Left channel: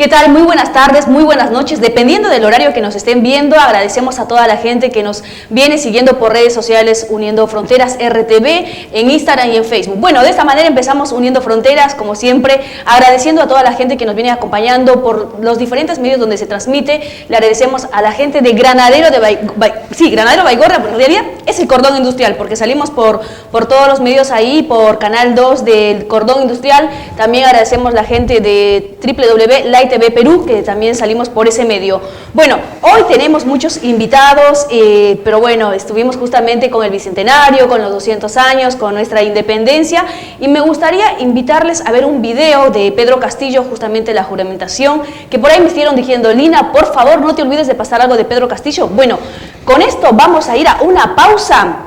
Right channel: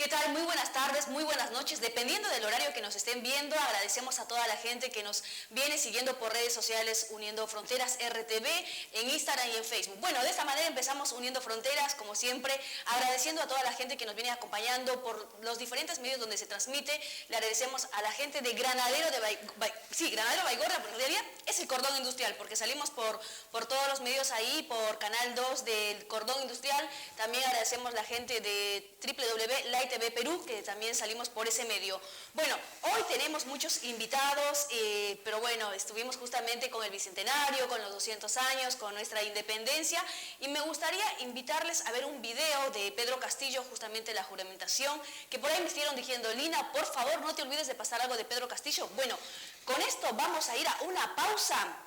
¿Qué tal? Muy buenas tardes, muy buenas noches, dependiendo del horario que nos estén viendo. Agradecemos a toda la gente que nos viene siguiendo por redes sociales Uniendo Fronteras RTV, en Instagram y en Facebook. Bueno, de esta manera empezamos Uniendo Fronteras, como siempre, agradeciendo a toda la gente que nos viene acompañando por los diferentes medios donde se transmite. Le agradecemos a la gente de Granadero de Granadero Baigorria, porque en realidad es el cordón industrial, porque salimos por todos los medios ahí, por Canal 2 del cordón industrial. También agradecemos a la gente de www.LightTV Perú, que también salimos por ese medio. Bueno, hoy tenemos muchos invitados, pero bueno, estuvimos justamente con el Bicentenario, con los 200 años, con nuestra independencia, y me gustaría invitarles a ver un video de Pedro Castillo, justamente la juramentación, que por ahí me estuvieron diciendo, Lina, por favor, no te olvides de pasar algo de Pedro Castillo. Bueno, con esto vamos a ir a una pausa.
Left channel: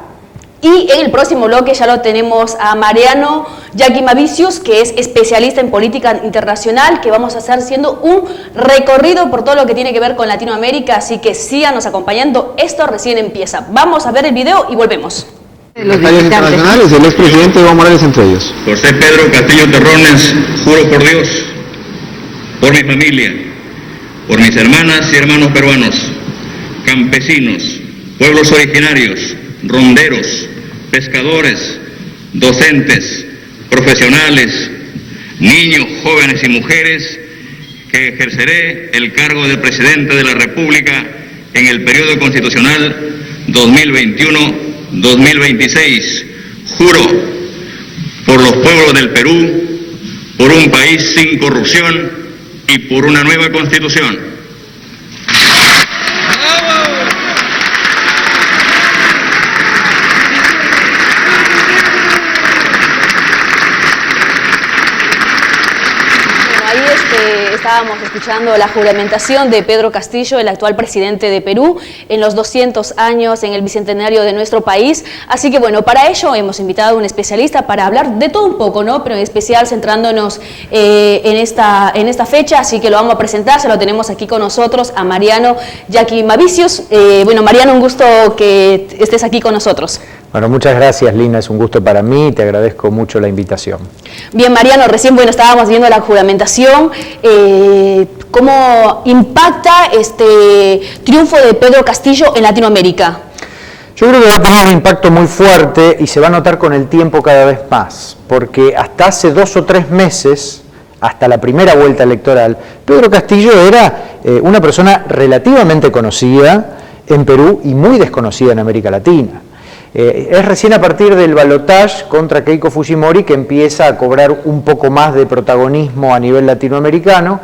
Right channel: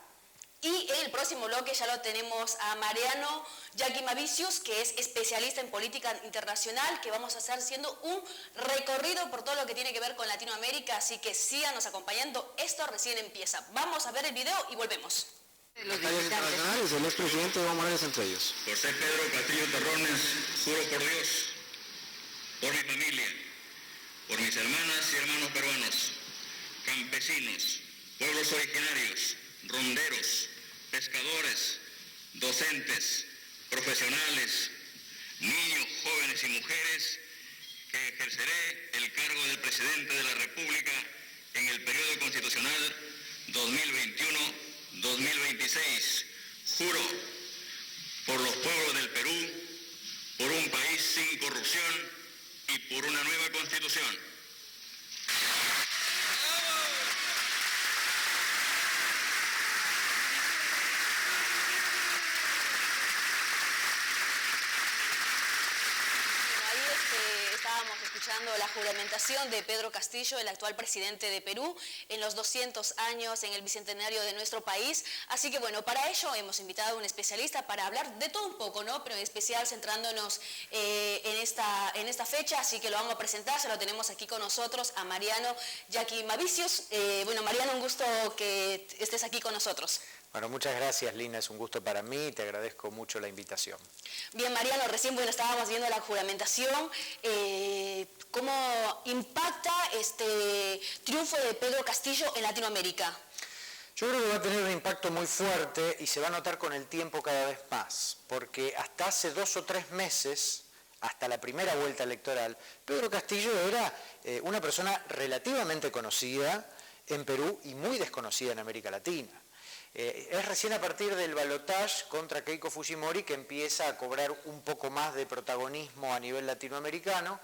Y en el próximo bloque ya lo tenemos a Mariano Yaquimavicius, que es especialista en política internacional, que vamos a estar haciendo un recorrido por todo lo que tiene que ver con Latinoamérica, así que síganos acompañando, esto recién empieza. Vamos a ver el video y volvemos. Los internacionales, el expresidente Evo Morales entre ellos. José Pedro Castillo Terrones, juro por Dios, por mi familia, por mis hermanas y hermanos peruanos, campesinos, pueblos originarios, ronderos, pescadores, docentes, profesionales, niños, jóvenes y mujeres, que ejerceré el cargo de presidente de la República en el periodo constitucional 2021-2026. Juro por los pueblos del Perú, por un país sin corrupción y por una nueva constitución. Estábamos escuchando la juramentación de Pedro Castillo, el actual presidente de Perú, en los 200 años, en el bicentenario de nuestro país. Así que bueno, para ello hemos invitado a un especialista para hablar de todo un poco, ¿no? Pero en especial centrándonos en esta fecha, así que lo vamos a presentar, se lo tenemos aquí con nosotros a Mariano Yaquimavicius. Bueno, Mariano, un gusto que estés aquí con nosotros. Bueno, muchas gracias, Lina, es un gusto para mí y te agradezco mucho la invitación. Bien, Mariano, recién estábamos viendo la juramentación, ¿cómo impacta este triunfo de Pedro Castillo en Latinoamérica? Yo creo que va a tener un impacto muy fuerte y se va a notar con el tiempo cada vez más, porque hasta hace 2 o 3 meses, hasta la primera vuelta electoral, Pedro Castillo era una persona relativamente conocida en Perú y muy desconocida en América Latina. Es recién a partir del balotaje contra Keiko Fujimori que empieza a cobrar un poco más de protagonismo a nivel latinoamericano,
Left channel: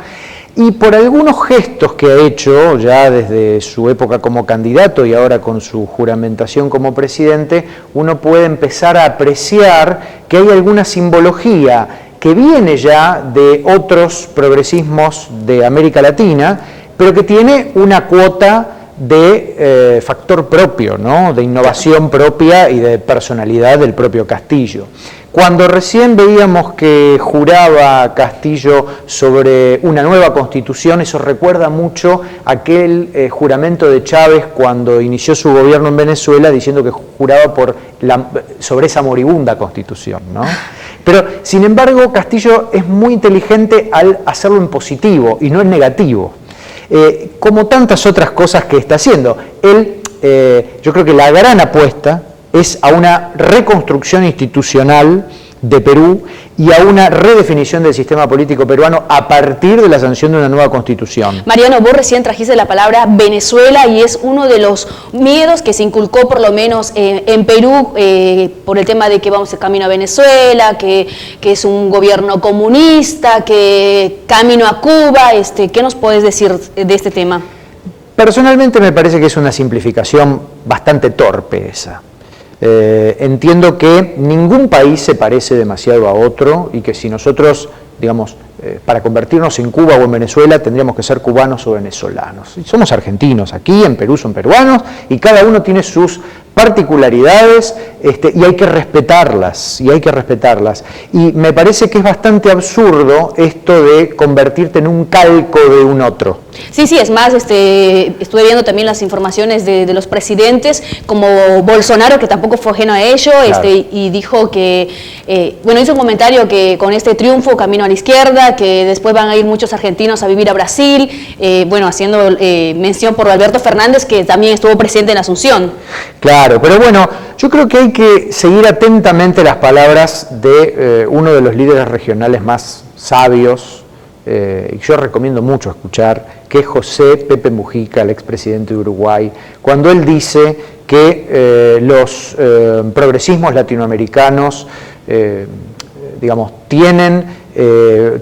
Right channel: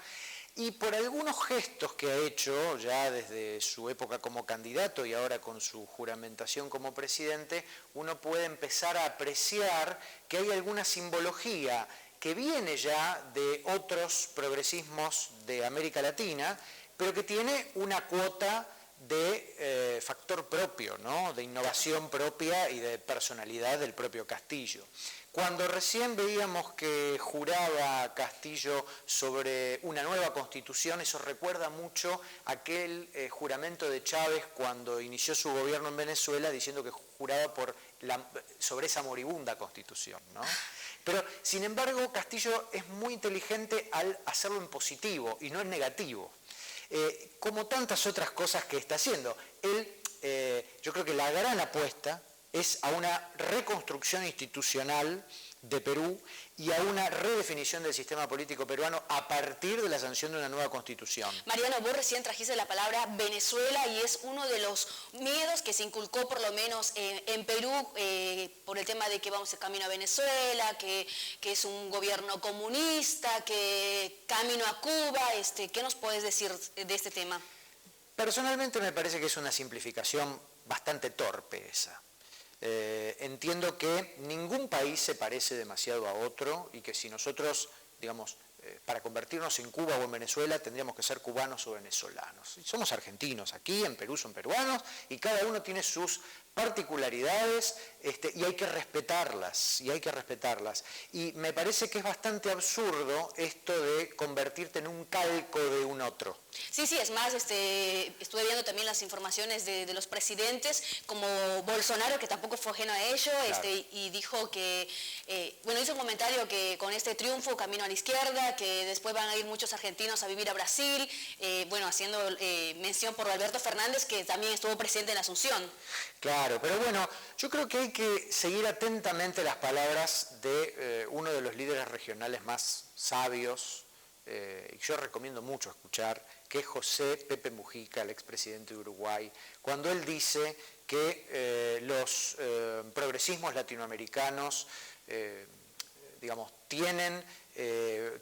y por algunos gestos que ha hecho ya desde su época como candidato y ahora con su juramentación como presidente, uno puede empezar a apreciar que hay alguna simbología que viene ya de otros progresismos de América Latina, pero que tiene una cuota de factor propio, ¿no? De innovación propia y de personalidad del propio Castillo. Cuando recién veíamos que juraba Castillo sobre una nueva constitución, eso recuerda mucho aquel juramento de Chávez cuando inició su gobierno en Venezuela, diciendo que juraba sobre esa moribunda constitución, ¿no? Pero, sin embargo, Castillo es muy inteligente al hacerlo en positivo y no en negativo. Como tantas otras cosas que está haciendo. Yo creo que la gran apuesta es a una reconstrucción institucional de Perú y a una redefinición del sistema político peruano a partir de la sanción de una nueva constitución. Mariano, vos recién trajiste la palabra Venezuela y es uno de los miedos que se inculcó por lo menos en Perú por el tema de que vamos camino a Venezuela, que es un gobierno comunista, que camino a Cuba. ¿Qué nos podés decir de este tema? Personalmente me parece que es una simplificación bastante torpe esa. Entiendo que ningún país se parece demasiado a otro y que si nosotros, digamos, para convertirnos en Cuba o en Venezuela tendríamos que ser cubanos o venezolanos. Y somos argentinos, aquí en Perú son peruanos y cada uno tiene sus particularidades y hay que respetarlas, y me parece que es bastante absurdo esto de convertirte en un calco de un otro. Sí, es más, estuve viendo también las informaciones de los presidentes, como Bolsonaro, que tampoco fue ajeno a ello, claro. Y dijo que, hizo un comentario que con este triunfo camino a la izquierda, Bolivia, que después van a ir muchos argentinos a vivir a Brasil, bueno, haciendo mención por Alberto Fernández, que también estuvo presente en Asunción. Claro, pero bueno, yo creo que hay que seguir atentamente las palabras de uno de los líderes regionales más sabios, y yo recomiendo mucho escuchar, que es José Pepe Mujica, el expresidente de Uruguay, cuando él dice que los progresismos latinoamericanos, digamos, tienen,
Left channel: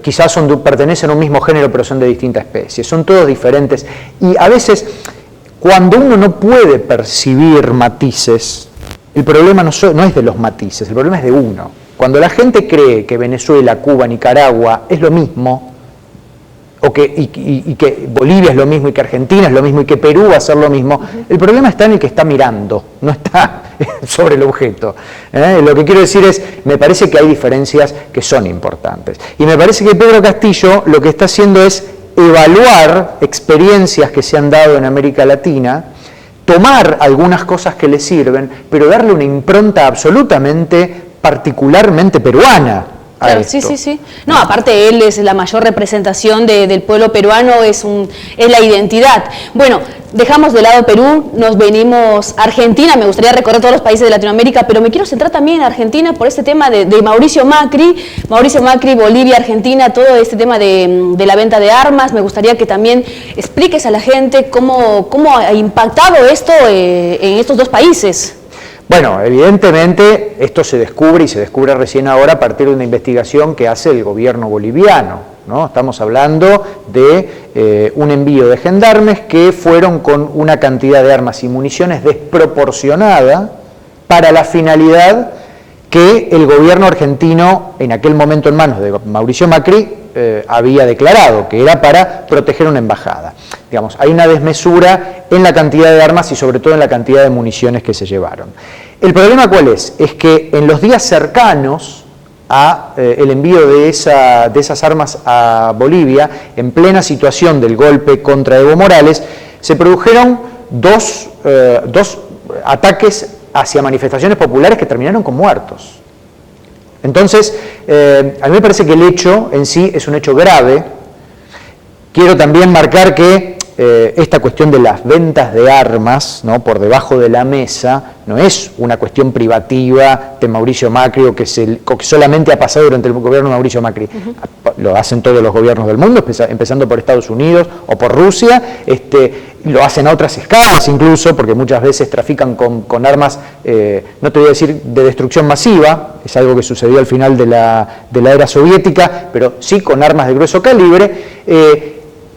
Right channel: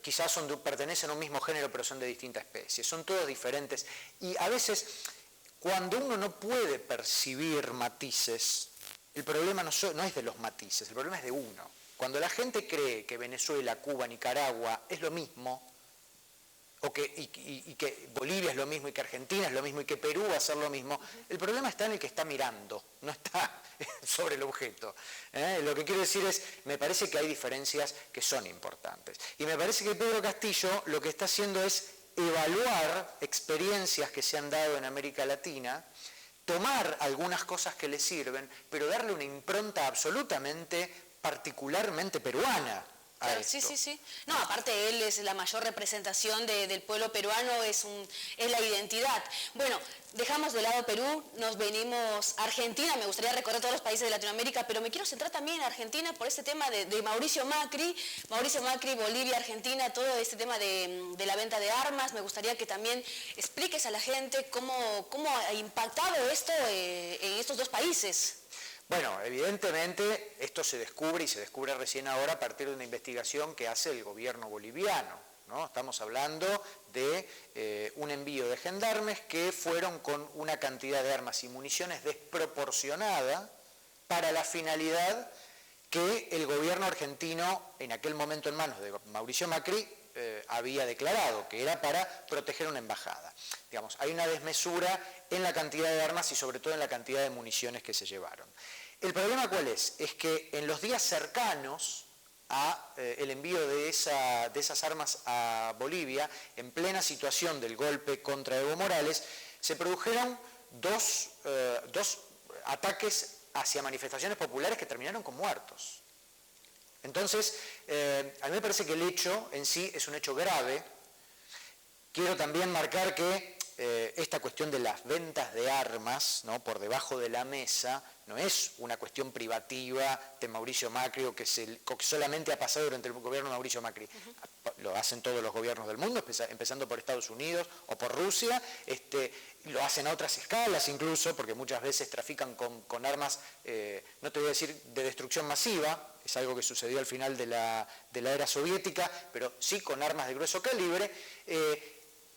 quizás pertenecen a un mismo género, pero son de distintas especies, son todos diferentes, y a veces, cuando uno no puede percibir matices, el problema no es de los matices, el problema es de uno. Cuando la gente cree que Venezuela, Cuba, Nicaragua es lo mismo, y que Bolivia es lo mismo, y que Argentina es lo mismo, y que Perú va a ser lo mismo, el problema está en el que está mirando, no está sobre el objeto. Lo que quiero decir es, me parece que hay diferencias que son importantes. Y me parece que Pedro Castillo lo que está haciendo es evaluar experiencias que se han dado en América Latina, tomar algunas cosas que le sirven, pero darle una impronta absolutamente, particularmente peruana. Claro, sí. No, aparte él es la mayor representación del pueblo peruano, es la identidad. Bueno, dejamos de lado Perú, nos venimos a Argentina, me gustaría recorrer todos los países de Latinoamérica, pero me quiero centrar también en Argentina por este tema de Mauricio Macri, Bolivia, Argentina, todo este tema de la venta de armas. Me gustaría que también expliques a la gente cómo ha impactado esto en estos dos países. Bueno, evidentemente esto se descubre, y se descubre recién ahora a partir de una investigación que hace el gobierno boliviano, ¿no? Estamos hablando de un envío de gendarmes que fueron con una cantidad de armas y municiones desproporcionada para la finalidad que el gobierno argentino, en aquel momento en manos de Mauricio Macri, había declarado, que era para proteger una embajada. Digamos, hay una desmesura en la cantidad de armas y sobre todo en la cantidad de municiones que se llevaron. ¿El problema cuál es? Es que en los días cercanos a el envío de esas armas a Bolivia, en plena situación del golpe contra Evo Morales, se produjeron dos ataques hacia manifestaciones populares que terminaron con muertos. Entonces, a mí me parece que el hecho en sí es un hecho grave. Quiero también marcar que esta cuestión de las ventas de armas, ¿no?, por debajo de la mesa, no es una cuestión privativa de Mauricio Macri o que solamente ha pasado durante el gobierno de Mauricio Macri. Lo hacen todos los gobiernos del mundo, empezando por Estados Unidos o por Rusia, lo hacen a otras escalas incluso, porque muchas veces trafican con armas, no te voy a decir de destrucción masiva, es algo que sucedió al final de la era soviética, pero sí con armas de grueso calibre,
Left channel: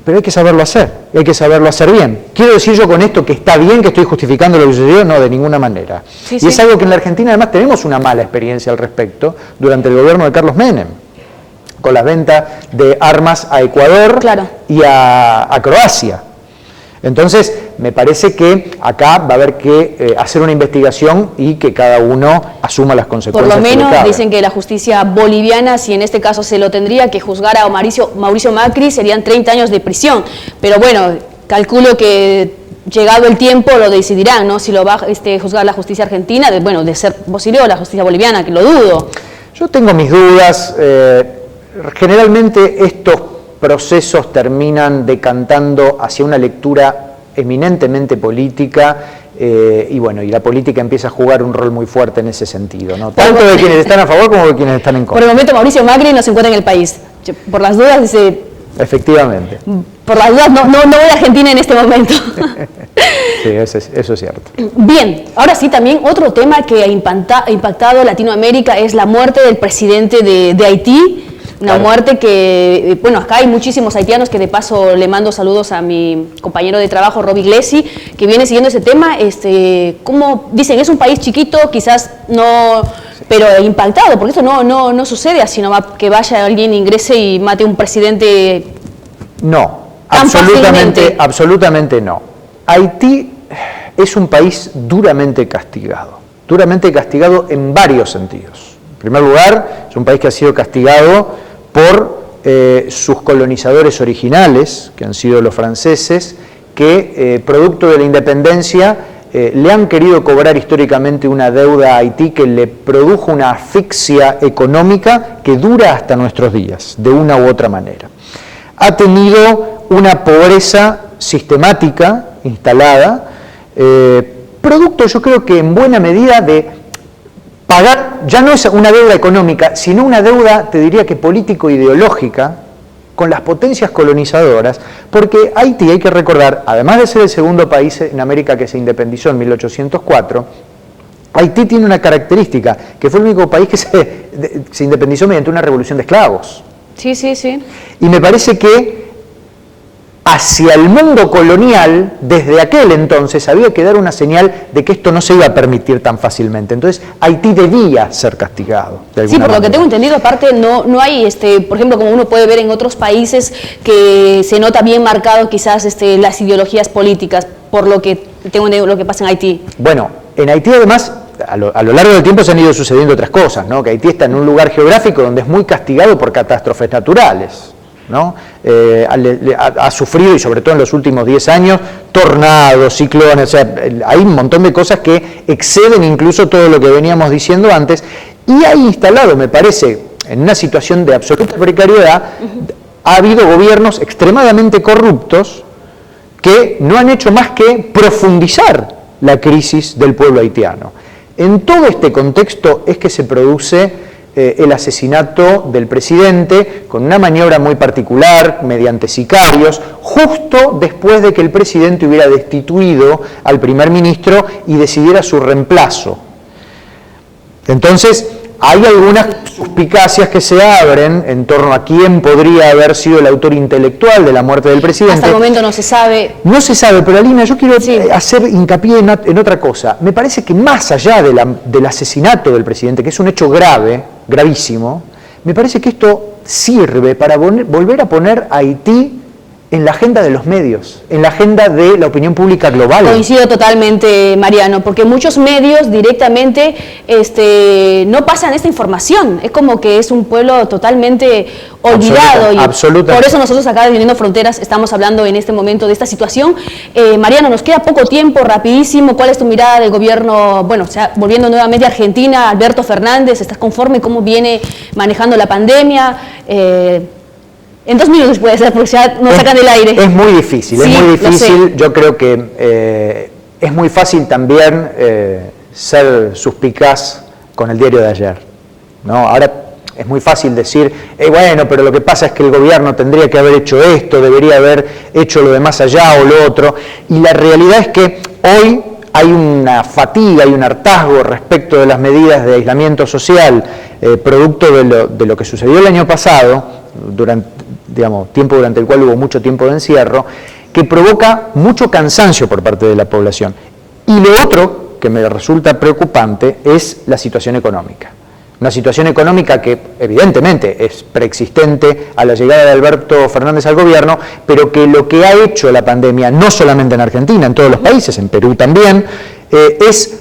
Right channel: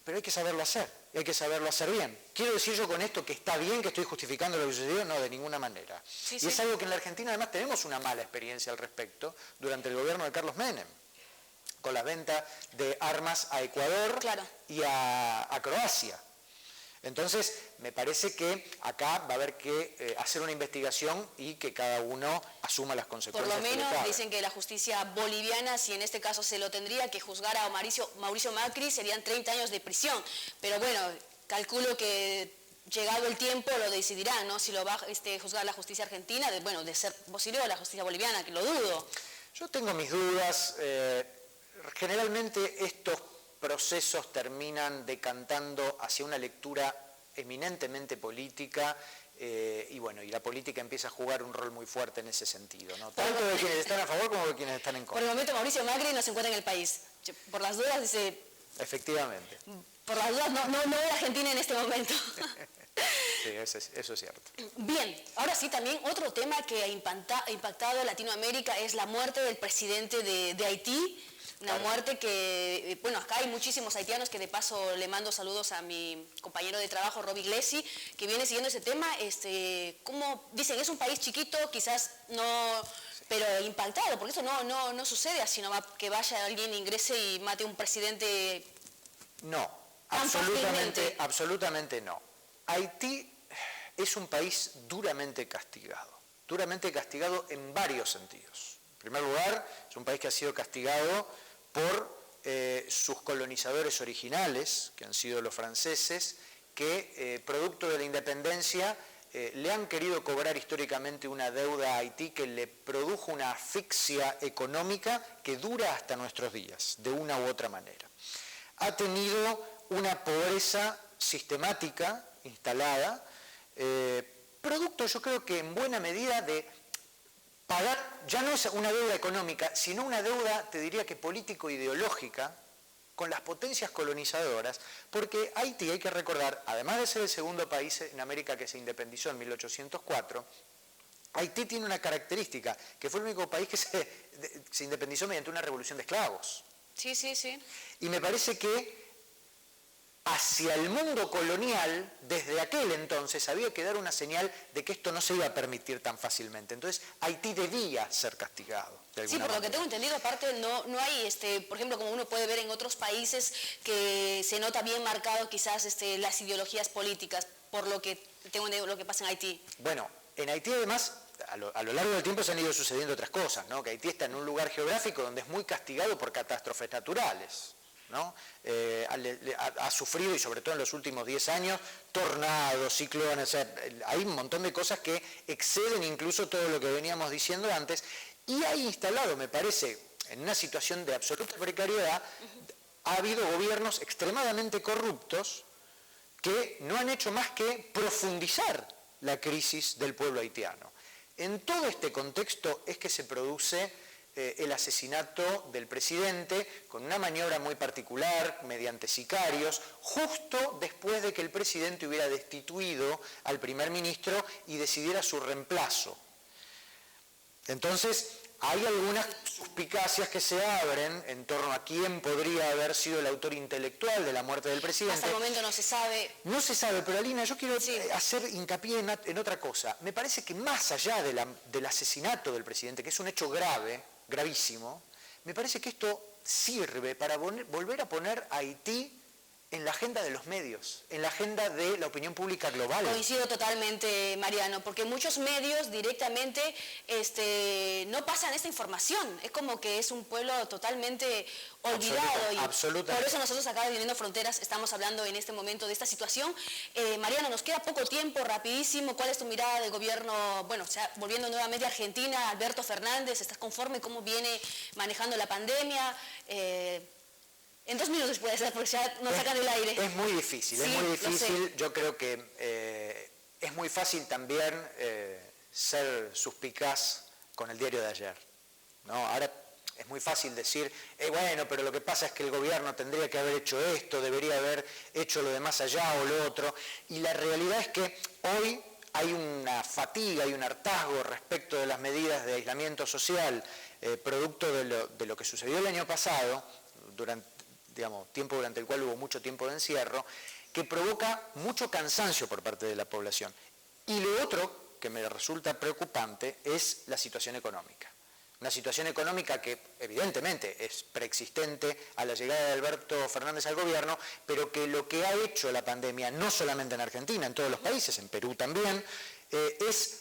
pero hay que saberlo hacer, hay que saberlo hacer bien. ¿Quiero decir yo con esto que está bien, que estoy justificando lo que sucedió? No, de ninguna manera. Sí. Es algo que en la Argentina además tenemos una mala experiencia al respecto durante el gobierno de Carlos Menem, con la venta de armas a Ecuador, claro, y a Croacia. Entonces, me parece que acá va a haber que hacer una investigación y que cada uno asuma las consecuencias. Por lo menos dicen que la justicia boliviana, si en este caso se lo tendría que juzgar a Mauricio Macri, serían 30 años de prisión. Pero bueno, calculo que llegado el tiempo lo decidirán, ¿no? Si lo va a juzgar la justicia argentina, de ser posible, o la justicia boliviana, que lo dudo. Yo tengo mis dudas. Generalmente estos procesos terminan decantando hacia una lectura eminentemente política, y la política empieza a jugar un rol muy fuerte en ese sentido, ¿no? Tanto de quienes están a favor como de quienes están en contra. Por el momento Mauricio Macri no se encuentra en el país. Por las dudas dice... Efectivamente. Por las dudas no voy a Argentina en este momento. Sí, eso es cierto. Bien, ahora sí, también otro tema que ha impactado Latinoamérica es la muerte del presidente de Haití. Una muerte que, acá hay muchísimos haitianos, que de paso le mando saludos a mi compañero de trabajo, Rob Iglesi, que viene siguiendo ese tema. Como dicen, es un país chiquito, quizás no, pero impactado, porque esto no sucede así nomás, que vaya alguien, ingrese y mate a un presidente. No, absolutamente no. Haití es un país duramente castigado en varios sentidos. En primer lugar, es un país que ha sido castigado por sus colonizadores originales, que han sido los franceses, que producto de la independencia le han querido cobrar históricamente una deuda a Haití que le produjo una asfixia económica que dura hasta nuestros días, de una u otra manera. Ha tenido una pobreza sistemática instalada, producto yo creo que en buena medida de pagar, ya no es una deuda económica, sino una deuda, te diría que político-ideológica, con las potencias colonizadoras, porque Haití, hay que recordar, además de ser el segundo país en América que se independizó en 1804, Haití tiene una característica, que fue el único país que se independizó mediante una revolución de esclavos. Sí, sí, sí. Y me parece que hacia el mundo colonial, desde aquel entonces, había que dar una señal de que esto no se iba a permitir tan fácilmente. Entonces, Haití debía ser castigado. Sí, por lo que tengo entendido, aparte, no hay, por ejemplo, como uno puede ver en otros países, que se nota bien marcado quizás las ideologías políticas, por lo que tengo entendido lo que pasa en Haití. Bueno, en Haití además, a lo largo del tiempo se han ido sucediendo otras cosas, ¿no? Que Haití está en un lugar geográfico donde es muy castigado por catástrofes naturales, ¿no? Ha sufrido, y sobre todo en los últimos 10 años, tornados, ciclones, o sea, hay un montón de cosas que exceden incluso todo lo que veníamos diciendo antes, y ha instalado, me parece, en una situación de absoluta precariedad, ha habido gobiernos extremadamente corruptos que no han hecho más que profundizar la crisis del pueblo haitiano. En todo este contexto es que se produce el asesinato del presidente con una maniobra muy particular, mediante sicarios, justo después de que el presidente hubiera destituido al primer ministro y decidiera su reemplazo. Entonces, hay algunas suspicacias que se abren en torno a quién podría haber sido el autor intelectual de la muerte del presidente. Hasta el momento no se sabe. No se sabe, pero Alina, yo quiero hacer hincapié en otra cosa. Me parece que más allá del asesinato del presidente, que es un hecho grave, gravísimo, me parece que esto sirve para volver a poner a Haití en la agenda de los medios, en la agenda de la opinión pública global. Coincido totalmente, Mariano, porque muchos medios directamente no pasan esta información. Es como que es un pueblo totalmente olvidado. Absolutamente. Por eso nosotros acá de Uniendo Fronteras estamos hablando en este momento de esta situación. Mariano, nos queda poco tiempo, rapidísimo. ¿Cuál es tu mirada del gobierno? Bueno, o sea, volviendo nuevamente a Argentina, Alberto Fernández, ¿estás conforme cómo viene manejando la pandemia? En 2 minutos puede ser, porque ya nos sacan del aire. Es muy difícil, sí, es muy difícil. Yo creo que es muy fácil también ser suspicaz con el diario de ayer, ¿no? Ahora es muy fácil decir, bueno, pero lo que pasa es que el gobierno tendría que haber hecho esto, debería haber hecho lo de más allá o lo otro. Y la realidad es que hoy hay una fatiga, hay un hartazgo respecto de las medidas de aislamiento social, producto de lo que sucedió el año pasado, tiempo durante el cual hubo mucho tiempo de encierro, que provoca mucho cansancio por parte de la población. Y lo otro que me resulta preocupante es la situación económica. Una situación económica que evidentemente es preexistente a la llegada de Alberto Fernández al gobierno, pero que lo que ha hecho la pandemia, no solamente en Argentina, en todos los países, en Perú también, es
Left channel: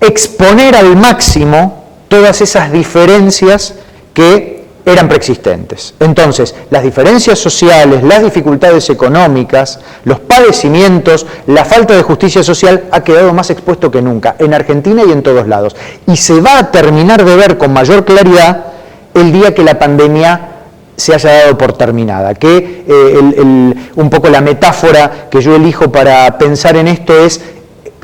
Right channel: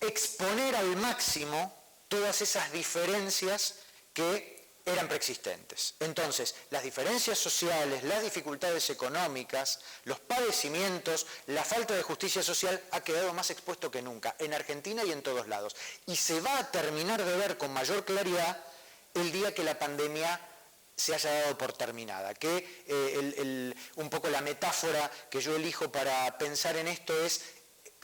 exponer al máximo todas esas diferencias que eran preexistentes. Entonces, las diferencias sociales, las dificultades económicas, los padecimientos, la falta de justicia social ha quedado más expuesto que nunca, en Argentina y en todos lados. Y se va a terminar de ver con mayor claridad el día que la pandemia se haya dado por terminada. Que un poco la metáfora que yo elijo para pensar en esto es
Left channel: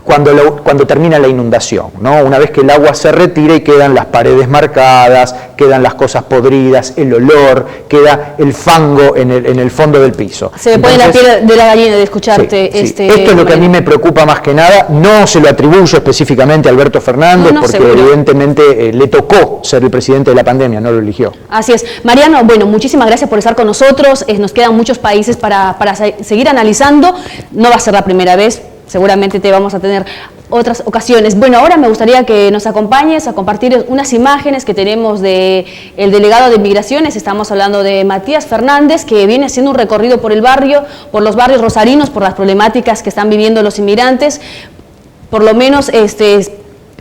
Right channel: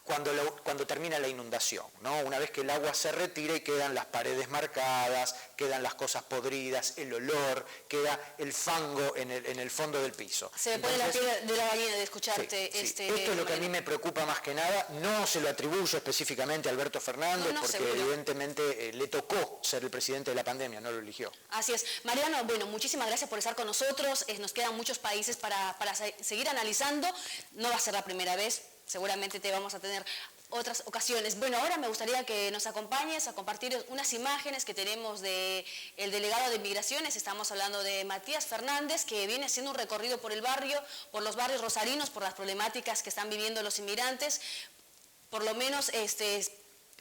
cuando termina la inundación, ¿no? Una vez que el agua se retira y quedan las paredes marcadas, quedan las cosas podridas, el olor, queda el fango en el fondo del piso. Se me pone la piel de la gallina de escucharte. Sí. Esto es lo que a mí me preocupa más que nada. No se lo atribuyo específicamente a Alberto Fernández, porque seguro, evidentemente le tocó ser el presidente de la pandemia, no lo eligió. Así es. Mariano, bueno, muchísimas gracias por estar con nosotros. Nos quedan muchos países para seguir analizando. No va a ser la primera vez. Seguramente te vamos a tener otras ocasiones. Bueno, ahora me gustaría que nos acompañes a compartir unas imágenes que tenemos del delegado de Migraciones. Estamos hablando de Matías Fernández, que viene haciendo un recorrido por el barrio, por los barrios rosarinos, por las problemáticas que están viviendo los inmigrantes. Por lo menos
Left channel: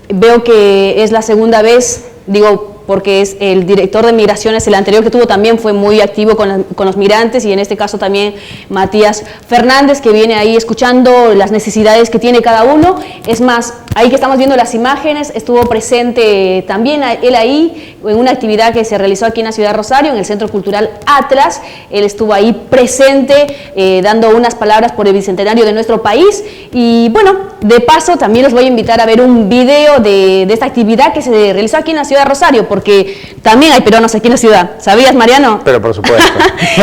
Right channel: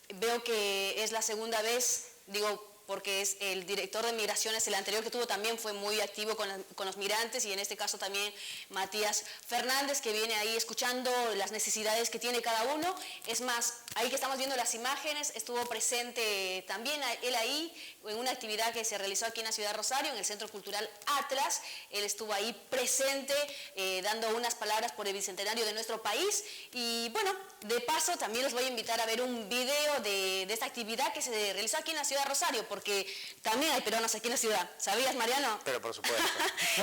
veo que es la segunda vez, digo, porque es el director de migraciones, el anterior que tuvo también fue muy activo con los migrantes, y en este caso también Matías Fernández, que viene ahí escuchando las necesidades que tiene cada uno. Es más, ahí que estamos viendo las imágenes, estuvo presente también él ahí en una actividad que se realizó aquí en la ciudad de Rosario, en el Centro Cultural Atlas. Él estuvo ahí presente dando unas palabras por el bicentenario de nuestro país. Y bueno, de paso también los voy a invitar a ver un video de esta actividad que se realizó aquí en la ciudad de Rosario, porque también hay peruanos aquí en la ciudad. ¿Sabías, Mariano? Pero por supuesto.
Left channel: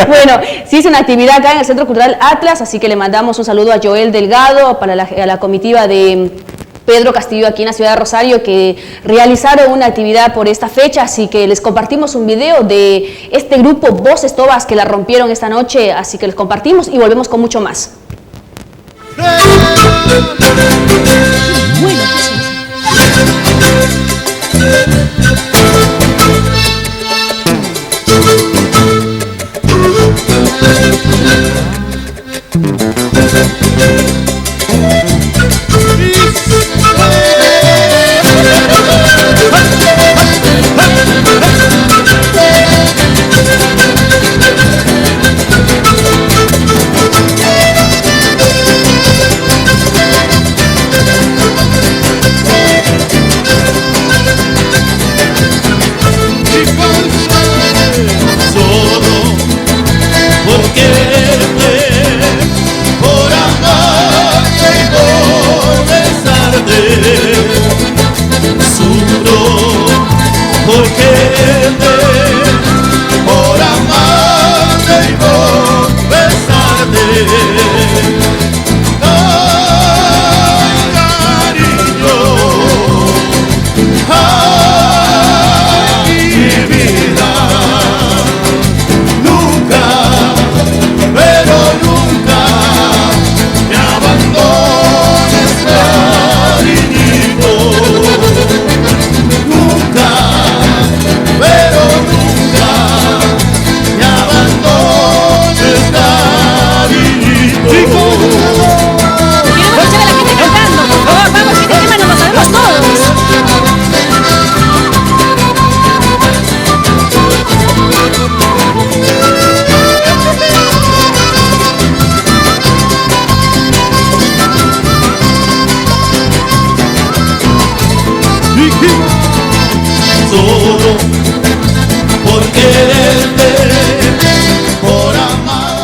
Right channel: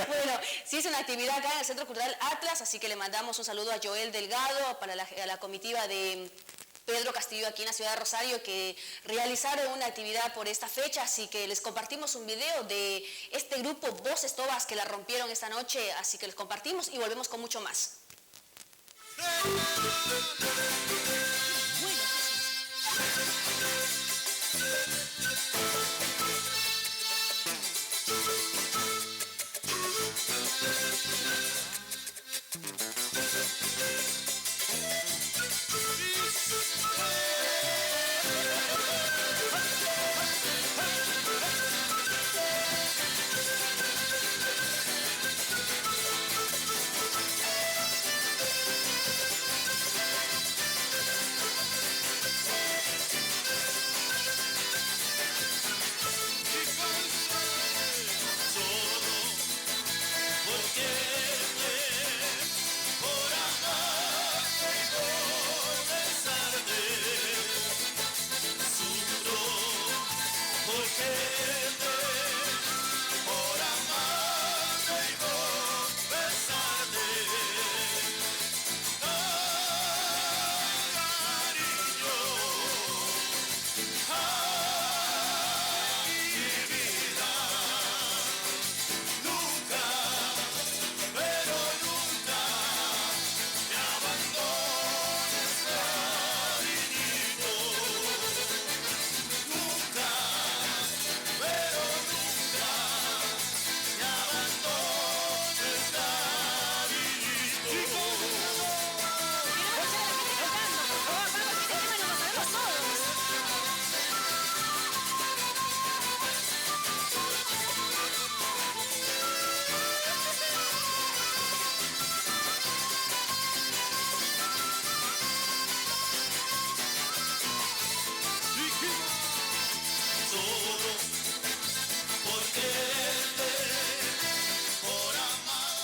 Bueno, sí hizo una actividad acá en el Centro Cultural Atlas, así que le mandamos un saludo a Joel Delgado, a la comitiva de Pedro Castillo aquí en la ciudad de Rosario, que realizaron una actividad por esta fecha, así que les compartimos un video de este grupo Voces Tobas que la rompieron esta noche, así que les compartimos y volvemos con mucho más.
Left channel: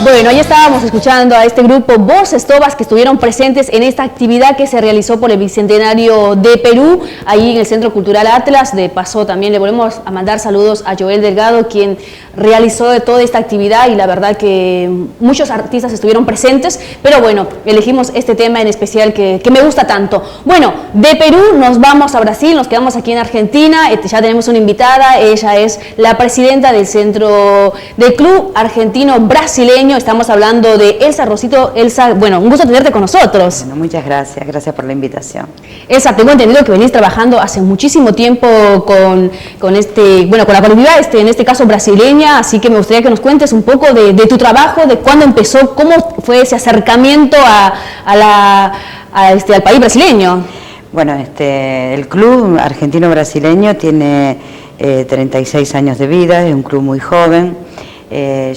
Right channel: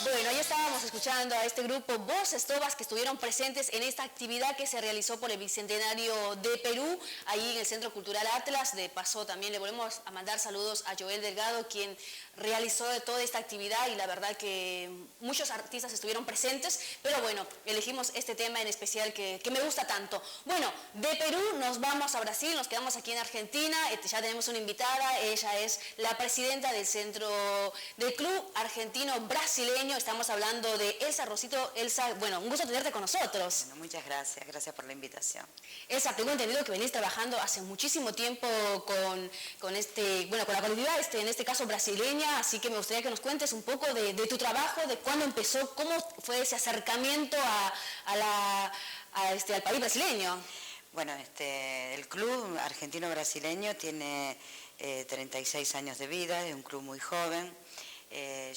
Bueno, ahí estábamos escuchando a este grupo Voces Tobas que estuvieron presentes en esta actividad que se realizó por el Bicentenario de Perú, ahí en el Centro Cultural Atlas. De paso también le volvemos a mandar saludos a Joel Delgado, quien realizó toda esta actividad, y la verdad que muchos artistas estuvieron presentes, pero bueno, elegimos este tema en especial que me gusta tanto. Bueno, de Perú nos vamos a Brasil, nos quedamos aquí en Argentina, ya tenemos una invitada, ella es la presidenta del Centro del Club Argentino Brasileño. Estamos hablando de Elsa Rosito. Elsa, bueno, un gusto tenerte con nosotros. Bueno, muchas gracias, gracias por la invitación. Elsa, tengo entendido que venís trabajando hace muchísimo tiempo con la colectividad, en este caso brasileña, así que me gustaría que nos cuentes un poco de tu trabajo, de cuándo empezó, cómo fue ese acercamiento al país brasileño. Bueno, el Club Argentino Brasileño tiene 36 años de vida, es un club muy joven.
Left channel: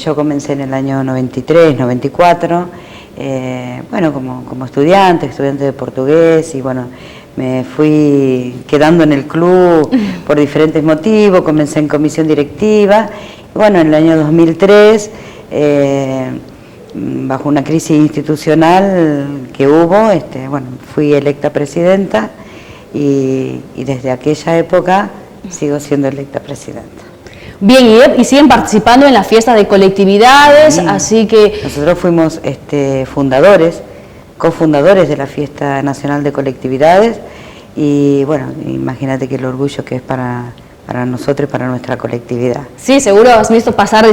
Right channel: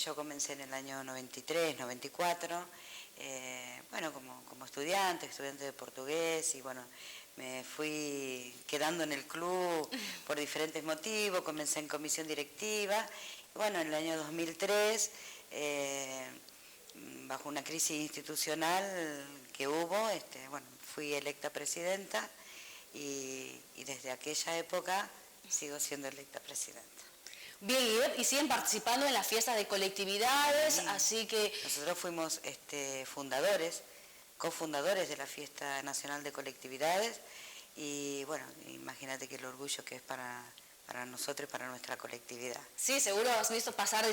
Yo comencé en el año 93, 94, como estudiante de portugués, y bueno, me fui quedando en el club por diferentes motivos. Comencé en comisión directiva, y bueno, en el año 2003, bajo una crisis institucional que hubo, fui electa presidenta, y desde aquella época sigo siendo electa presidenta. Bien, y siguen participando en la fiesta de colectividades, sí. Así que... Nosotros fuimos cofundadores de la Fiesta Nacional de Colectividades, y bueno, imagínate que el orgullo que es para nosotros y para nuestra colectividad. Sí, seguro has visto pasar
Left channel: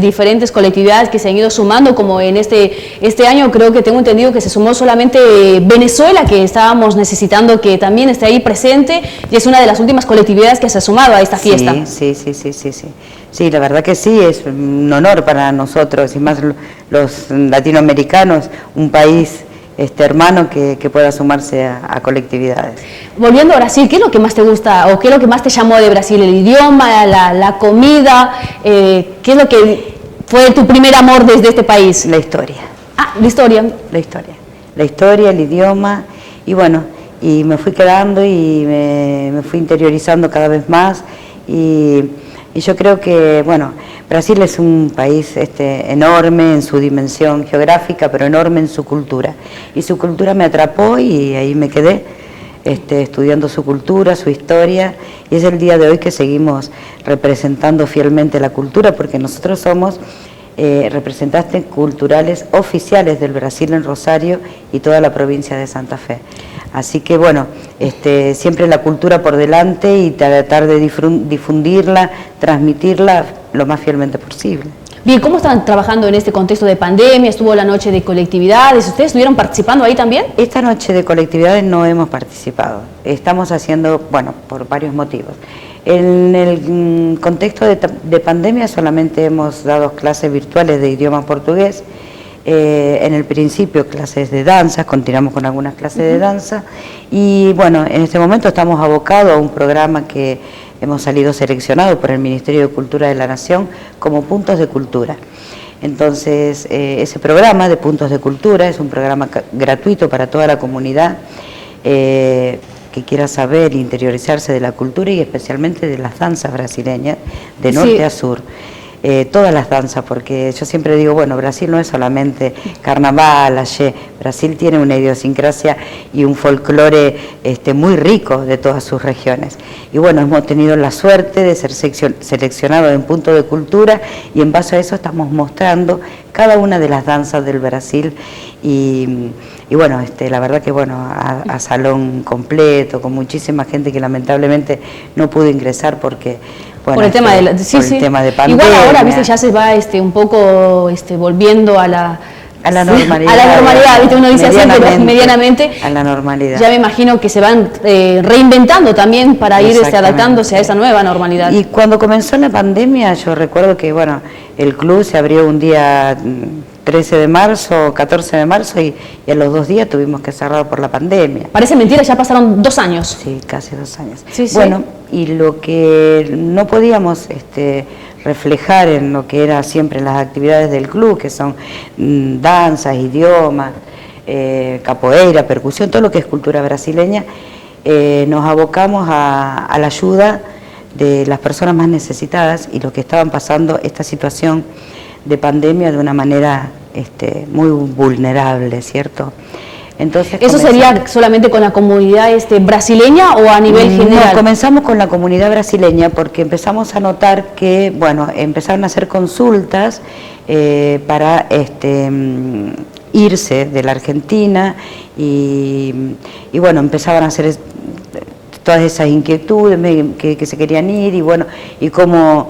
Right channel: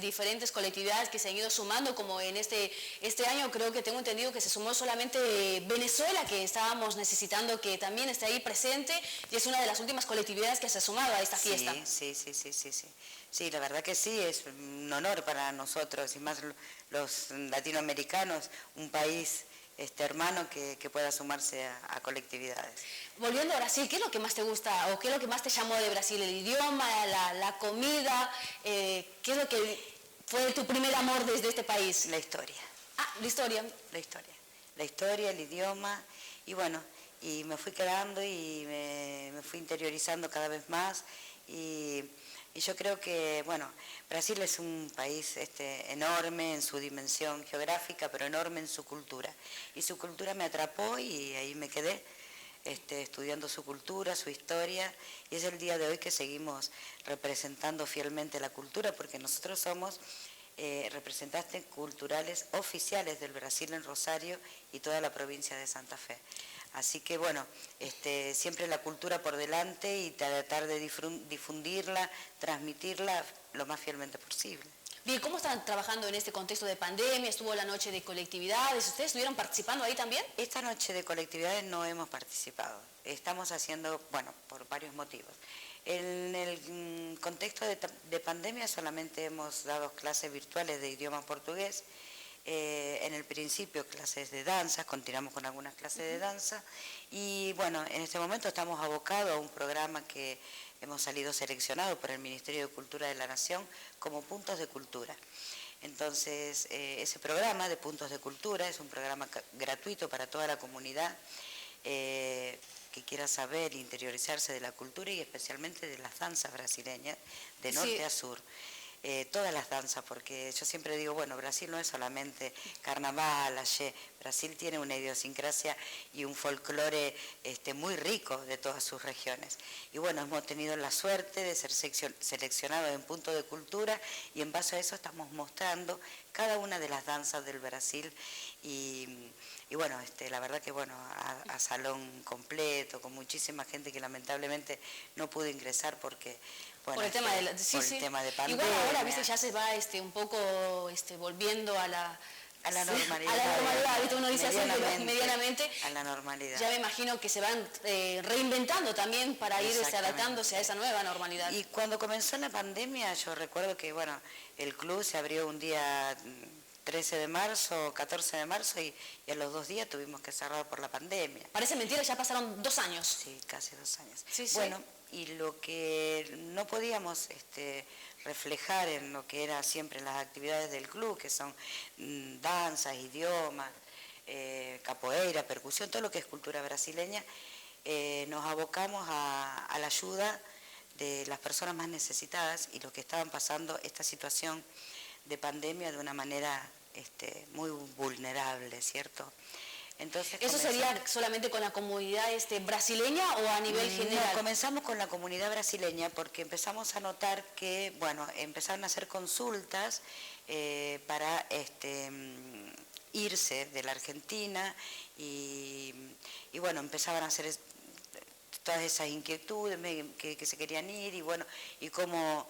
diferentes colectividades que se han ido sumando, como en este año creo que tengo entendido que se sumó solamente Venezuela, que estábamos necesitando que también esté ahí presente, y es una de las últimas colectividades que se ha sumado a esta fiesta. Sí. Sí, la verdad que sí, es un honor para nosotros, y más los latinoamericanos, un país hermano que pueda sumarse a colectividades. Volviendo a Brasil, ¿qué es lo que más te gusta o qué es lo que más te llamó de Brasil? ¿El idioma, la comida? ¿Qué es lo que fue tu primer amor desde este país? La historia. Ah, la historia. La historia. La historia, el idioma, y bueno, y me fui quedando y me fui interiorizando cada vez más, y yo creo que, bueno, Brasil es un país enorme en su dimensión geográfica, pero enorme en su cultura, y su cultura me atrapó y ahí me quedé estudiando su cultura, su historia, y es el día de hoy que seguimos representando fielmente la cultura, porque nosotros somos representantes culturales oficiales del Brasil en Rosario y toda la provincia de Santa Fe. Así que bueno, siempre la cultura por delante y tratar de difundirla, transmitirla lo más fielmente posible. Bien, ¿cómo están trabajando en este contexto de pandemia? ¿Estuvo la noche de colectividades? ¿Ustedes estuvieron participando ahí también? Esta noche de colectividades no hemos participado. Estamos haciendo, bueno, por varios motivos. En el contexto de pandemia solamente hemos dado clases virtuales de idioma portugués. En el principio clases de danza, continuamos con algunas clases de danza, y bueno, en este momento estamos abocados a un programa que hemos salido seleccionados por el Ministerio de Cultura de la Nación como Puntos de Cultura. Entonces, ese programa de Puntos de Cultura es un programa gratuito para toda la comunidad que quiera saber, interiorizarse de la cultura y especialmente de las danzas brasileñas, de norte a sur. Todas las danzas, porque yo siempre digo, bueno, Brasil no es solamente carnaval, axé, Brasil tiene una idiosincrasia y un folclore muy rico de todas sus regiones. Y bueno, hemos tenido la suerte de ser seleccionados en Punto de Cultura, y en base a eso estamos mostrando cada una de las danzas del Brasil, y bueno, la verdad que bueno, a salón completo, con muchísima gente que lamentablemente no pudo ingresar porque... Bueno, por el tema de tema de pandemia. Igual ahora, viste, ya se va un poco volviendo a la normalidad. A la normalidad, viste, uno dice así, pero medianamente. A la normalidad. Ya me imagino que se van reinventando también para ir adaptándose a esa nueva normalidad. Y cuando comenzó la pandemia, yo recuerdo que, bueno, el club se abrió un día 13 de marzo, 14 de marzo, y a los 2 días tuvimos que cerrar por la pandemia. Parece mentira, ya pasaron 2 años. Sí, casi 2 años. Sí, bueno, y lo que no podíamos reflejar en lo que era siempre las actividades del club, que son danzas, idiomas, capoeira, percusión, todo lo que es cultura brasileña, nos abocamos a la ayuda de las personas más necesitadas y los que estaban pasando esta situación de pandemia de una manera muy vulnerable, ¿cierto? Entonces, ¿eso sería solamente con la comunidad brasileña o a nivel general? No, comenzamos con la comunidad brasileña porque empezamos a notar que, bueno, empezaron a hacer consultas para irse de la Argentina y bueno, empezaban a hacer todas esas inquietudes que se querían ir y bueno, y cómo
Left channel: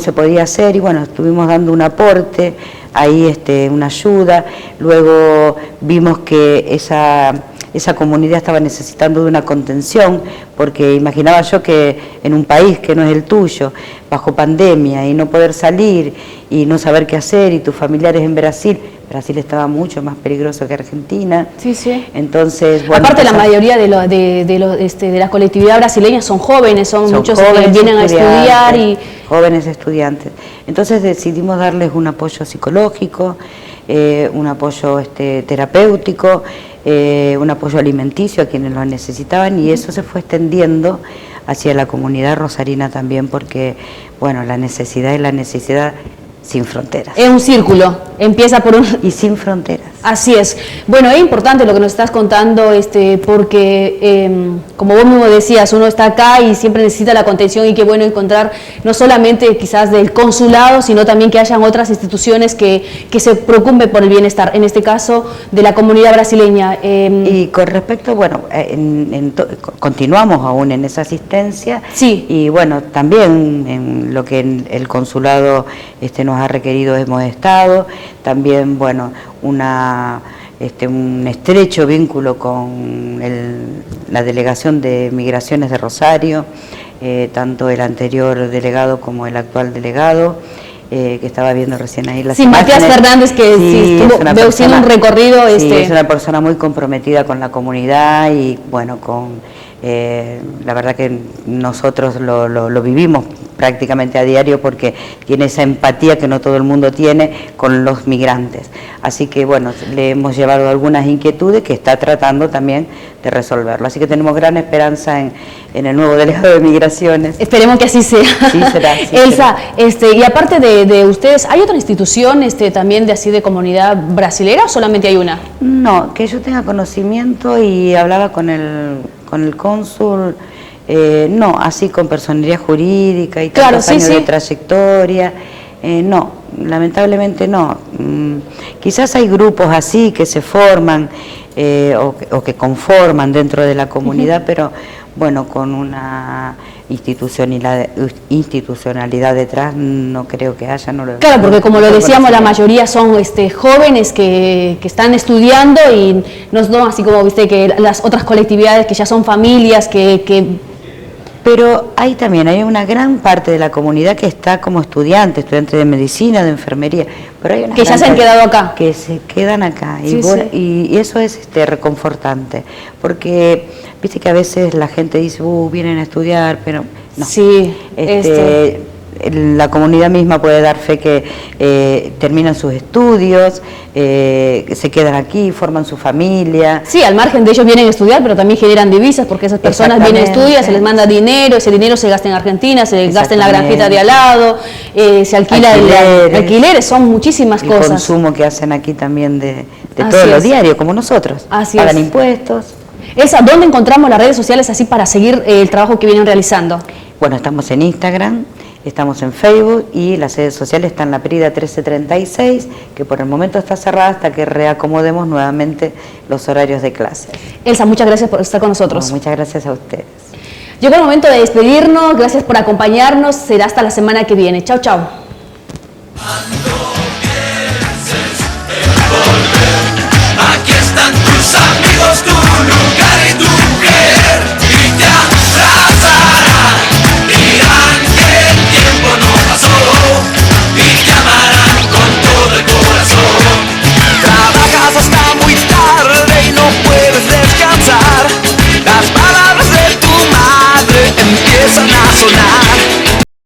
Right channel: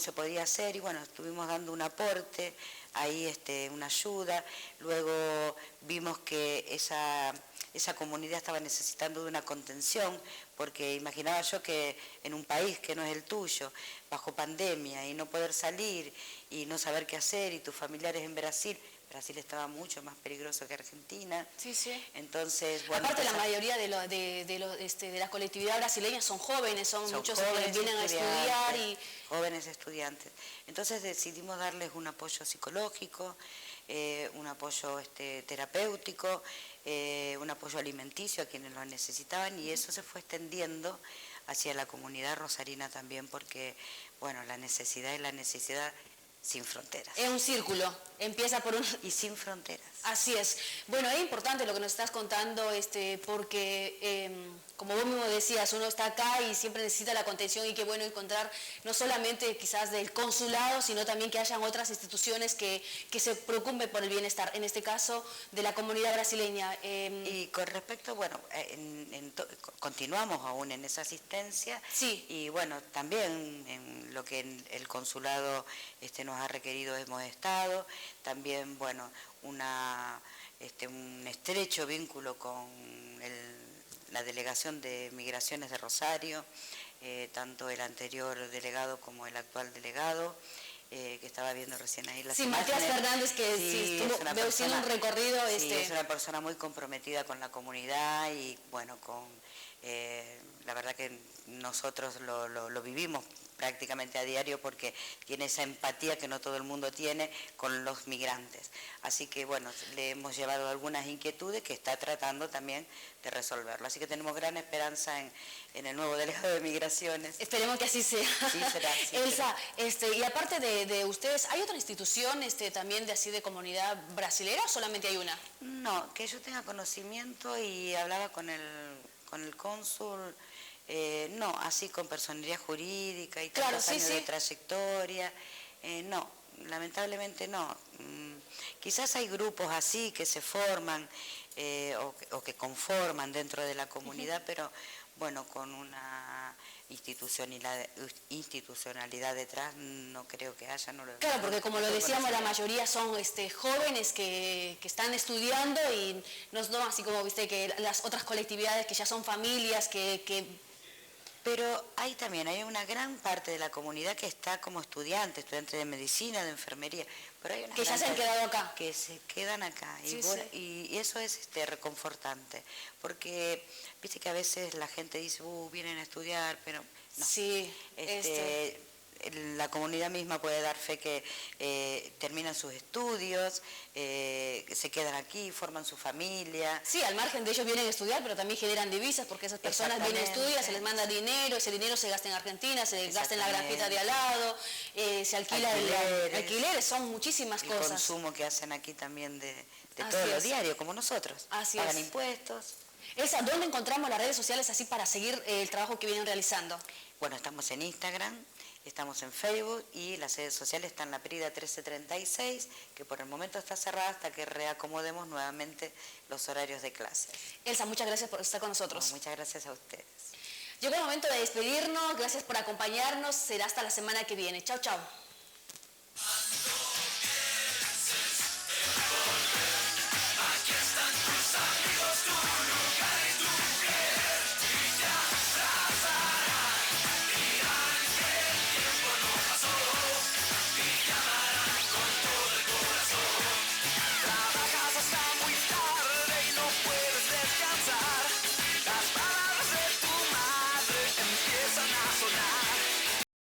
se podía hacer, y bueno, estuvimos dando un aporte, ahí una ayuda, luego vimos que esa comunidad estaba necesitando de una contención, porque imaginaba yo que en un país que no es el tuyo, bajo pandemia, y no poder salir, y no saber qué hacer, y tus familiares en Brasil estaba mucho más peligroso que Argentina. Sí, sí. Entonces, bueno, aparte la mayoría de la colectividad brasileña son jóvenes, son muchos que vienen a estudiar y... Jóvenes estudiantes. Entonces decidimos darles un apoyo psicológico, un apoyo terapéutico, un apoyo alimenticio a quienes lo necesitaban, y eso se fue extendiendo hacia la comunidad rosarina también, porque, bueno, la necesidad es la necesidad sin fronteras. Es un círculo, empieza por un... Y sin fronteras. Así es. Bueno, es importante lo que nos estás contando, porque, como vos mismo decías, uno está acá y siempre necesita la contención, y qué bueno encontrar no solamente quizás del consulado, sino también que hayan otras instituciones que se preocupen por el bienestar, en este caso de la comunidad brasileña. Y con respecto, bueno, continuamos aún en esa asistencia. Sí. Y bueno, también en lo que el consulado nos ha requerido hemos estado, también, bueno, un estrecho vínculo con la Delegación de Migraciones de Rosario, tanto el anterior delegado como el actual delegado, que estaba viendo recién ahí las sí, imágenes. Matías Fernández, que sí, estuvo veo haciendo un recorrido. Sí, es una persona muy comprometida con la comunidad y bueno, la verdad que nosotros lo vivimos prácticamente a diario porque tiene esa empatía que no todo el mundo tiene con los migrantes. Así que bueno, le hemos llevado algunas inquietudes que está tratando también de resolverlo. Así que tenemos gran esperanza en el nuevo delegado de Migraciones. Esperemos que así sea. Sí será. Sí Elsa, será. Y aparte de ustedes, ¿hay otra institución también de comunidad brasilera o solamente hay una? No, que yo tenga conocimiento y hablaba con el cónsul, no, así con personería jurídica y tantos años de trayectoria, no, lamentablemente no. Quizás hay grupos así que se forman o que conforman dentro de la comunidad, pero bueno, con una institucionalidad detrás no creo que haya. Claro, porque como lo decíamos, la mayoría son jóvenes que están estudiando y no así como viste que las otras colectividades que ya son familias Pero hay una gran parte de la comunidad que está como estudiantes de medicina, de enfermería, pero hay una que ya se han quedado acá. Que se quedan acá, sí, y eso es reconfortante, porque viste que a veces la gente dice, vienen a estudiar, pero no. Sí, La comunidad misma puede dar fe que terminan sus estudios, se quedan aquí, forman su familia. Sí, al margen de ellos vienen a estudiar, pero también generan divisas porque esas personas vienen a estudiar, se les manda dinero, ese dinero se gasta en Argentina, se gasta en la granjita de al lado, se alquila alquileres, son muchísimas cosas. El consumo que hacen aquí también de todo lo diario, como nosotros. Pagan impuestos. Elsa, ¿dónde encontramos las redes sociales así para seguir el trabajo que vienen realizando? Bueno, estamos en Instagram, estamos en Facebook y las redes sociales están en la Prida 1336, que por el momento está cerrada hasta que reacomodemos nuevamente los horarios de clase. Elsa, muchas gracias por estar con nosotros. No, muchas gracias a ustedes. Llegó el momento de despedirnos, gracias por acompañarnos, será hasta la semana que viene. Chau, chau.